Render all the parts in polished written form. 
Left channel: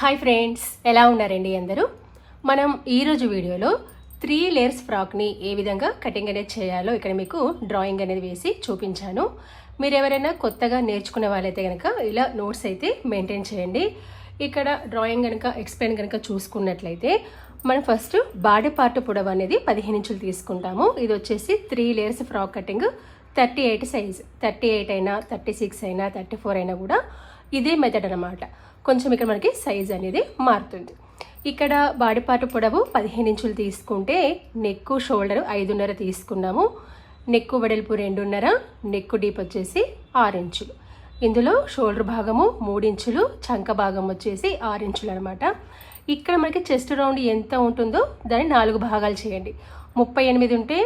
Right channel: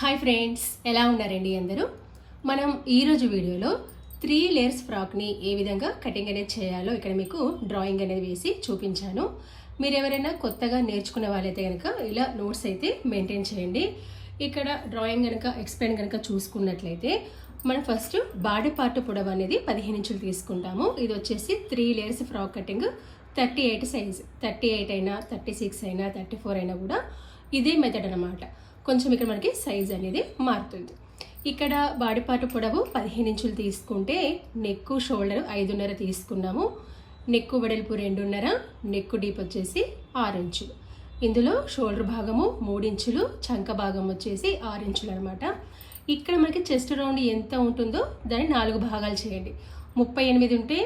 Hi friends, ఎలా ఉన్నారండి అందరూ? మనం ఈరోజు వీడియోలో 3 లేయర్స్ ఫ్రాక్ని ఏ విధంగా కటింగ్ అనేది చేయాలో ఇక్కడ మీకు డ్రాయింగ్ అనేది వేసి చూపించాను. మీరు ఎవరైనా కొత్తగా నేర్చుకునే వాళ్ళైతే కనుక ఇలా నోట్స్ అయితే మెయింటైన్ చేయండి. ఇక్కడ డ్రాయింగ్ కనుక ఎక్స్ప్లెయిన్ కనుక చూసుకున్నట్లయితే మనం ఫస్ట్ బాడీ పార్ట్ పొడవు అనేది 15 ఇంచులు తీసుకుంటాము. ఇది వచ్చేసి 3 లేయర్స్ ఫ్రాక్ కటింగ్ 38 సైజ్, 38 అయినా 36 అయినా 34 అయినా కూడా ఇదే మెథడ్ అనమాట. కొంచెం ఇక్కడ మనకి సైజ్ అనేది మారుతుంది. ఇక్కడ బాడీ పార్ట్ పొడవు 15 ఇంచులు తీసుకుంటే నెక్ షోల్డర్ 5.5 తీసుకున్నాము. నెక్ వెడల్పు 2.5, నెక్ డీప్ వచ్చేసి 6 ఇంచులు. ఇందులో షోల్డర్ భాగము 3 ఇంచులు, చంక భాగం వచ్చేసి 6 ఇంచులు అనమాట. ఇక్కడ మనకి చెస్ట్ రౌండ్ ఎంత ఉంటుందో దాన్ని 4 భాగాలు చేయండి. 38 ఉంటే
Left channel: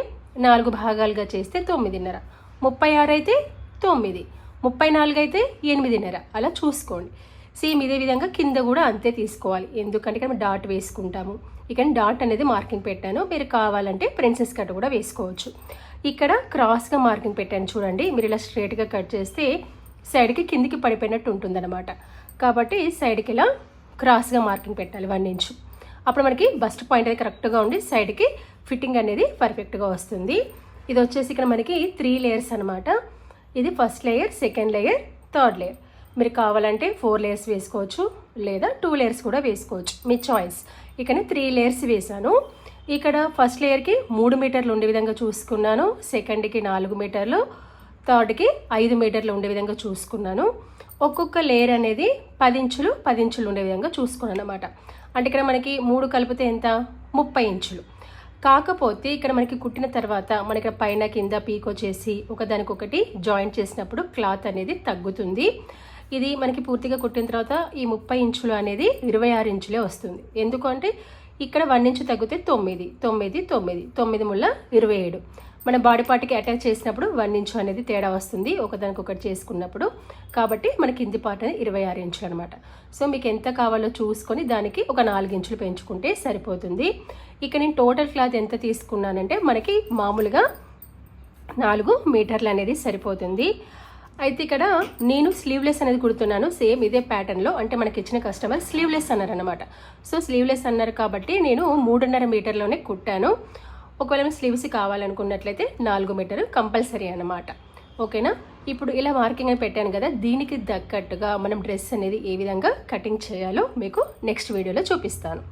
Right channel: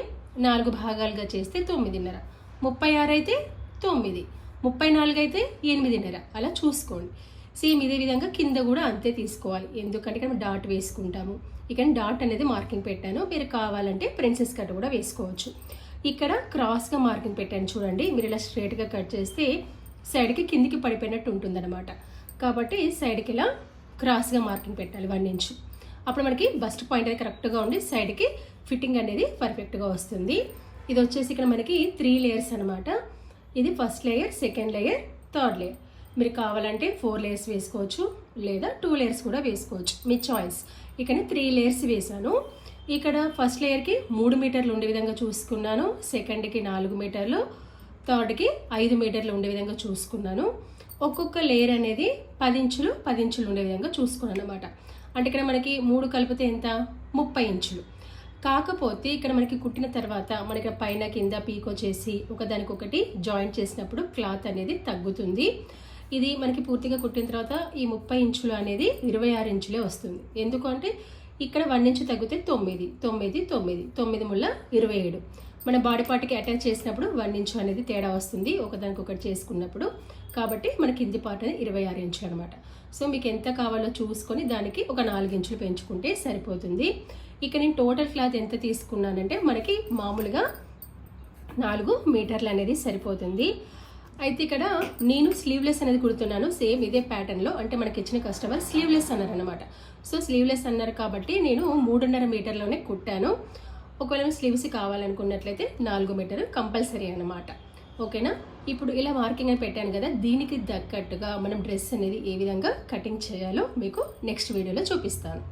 4 భాగాలుగా చేస్తే 9.5, 36 అయితే 9, 34 అయితే 8.5 అలా చూసుకోండి. సేమ్ ఇదే విధంగా కింద కూడా అంతే తీసుకోవాలి. ఎందుకంటే ఇక్కడ డాట్ వేసుకుంటాము. ఇక్కడ డాట్ అనేది మార్కింగ్ పెట్టాను. మీరు కావాలంటే ప్రిన్సెస్ కట్ కూడా వేసుకోవచ్చు. ఇక్కడ క్రాస్గా మార్కింగ్ పెట్టాను చూడండి. మీరు ఇలా స్ట్రైట్గా కట్ చేస్తే సైడ్కి కిందికి పడిపోయినట్టు ఉంటుందన్నమాట. కాబట్టి సైడ్కి ఇలా క్రాస్గా మార్కింగ్ పెట్టాలి 1 ఇంచు. అప్పుడు మనకి బస్ట్ పాయింట్ అనేది కరెక్ట్గా ఉండి సైడ్కి ఫిట్టింగ్ అనేది పర్ఫెక్ట్గా వస్తుంది. ఇది వచ్చేసి ఇక్కడ మనకి 3 లేయర్స్ అనమాట. ఇది first layer, second layer, third layer. మీరు కావాలంటే 4 లేయర్స్ వేసుకోవచ్చు, లేదా 2 లేయర్స్ కూడా వేసుకోవచ్చు, మీ చాయిస్. ఇక్కడ 3 లేయర్స్ వేసాను. ఇక్కడ ఫస్ట్ లేయర్కి 3 మీటర్లు ఉండే విధంగా చూసుకున్నాను, సెకండ్కి 4 మీటర్లు, థర్డ్కి 5 మీటర్లు ఉండే విధంగా చూసుకున్నాను. ఒక్కొక్క లేయర్ అనేది 10 ఇంచులు 10 ఇంచులు ఉండే విధంగా చూసుకున్నాను అనమాట. అంటే ఇక్కడ మనకి 3 కలిపితే ఎంత, 30 ఇంచులు. కాకపోతే ఇక్కడ మనకి కుట్టిన తర్వాత మనకి పైన కింద పీక్ వచ్చేసి ఒకదానికొకటి జాయింట్ చేసినప్పుడు క్లాత్ అనేది తగ్గుతుంది. ఇది మనకి పూర్తిగా కుట్టిన తర్వాత ఈ 30 ఇంచులు అనేది 26 ఇంచులే వస్తుంది. ఎందుకంటే ఇక్కడ 1 ఇంచు తగ్గితే 9, 9, 9, 9 ముళ్ళ 27. మన బాడీ పార్ట్కి అటాచ్ చేసినప్పుడు 1 ఇంచు అనేది తేడా వస్తుంది ఒకదానికొకటి చేసుకున్నప్పుడు. కాబట్టి మన కింది పార్ట్ అనేది 26 ఇంచులు అనమాట. సో మీకు ఎంత కావాలో చూసుకొని దానికి ఒక 4 ఇంచులు పెంచుకుంటే సరిపోతుంది. ఇక నేను టోటల్ క్లాత్ ఎంత తీసుకున్నానంటే మనకి మామూలుగా 4 మీటర్లు అనేది సరిపోతుంది. అయితే ఇక్కడ నేను స్లీవ్లెస్ అనేది కుడుతున్నాను. సేమ్ ఇదే ప్యాటర్న్లో, అంటే మనకి ఇచ్చిన కస్టమర్ స్లీవ్లెస్ అన్నారు అనమాట. సో స్లీవ్లెస్ అన్నారు కాబట్టి నేను 3.5 మీటర్లోనే కుట్టాను. ఒకవేళ స్లీవ్స్ కావాలనుకున్నట్లయితే 4 మీటర్ కంపల్సరీ అనమాట. ఓకేనా? ఇప్పుడు ఇలా మార్కింగ్ అని పెట్టాను కదా, దీనికి తగ్గట్టుగా మనం డ్రెస్ అనేది ఏ విధంగా కటింగ్ చేయాలో మీకు నెక్స్ట్ వీడియోలో చూపిస్తాను.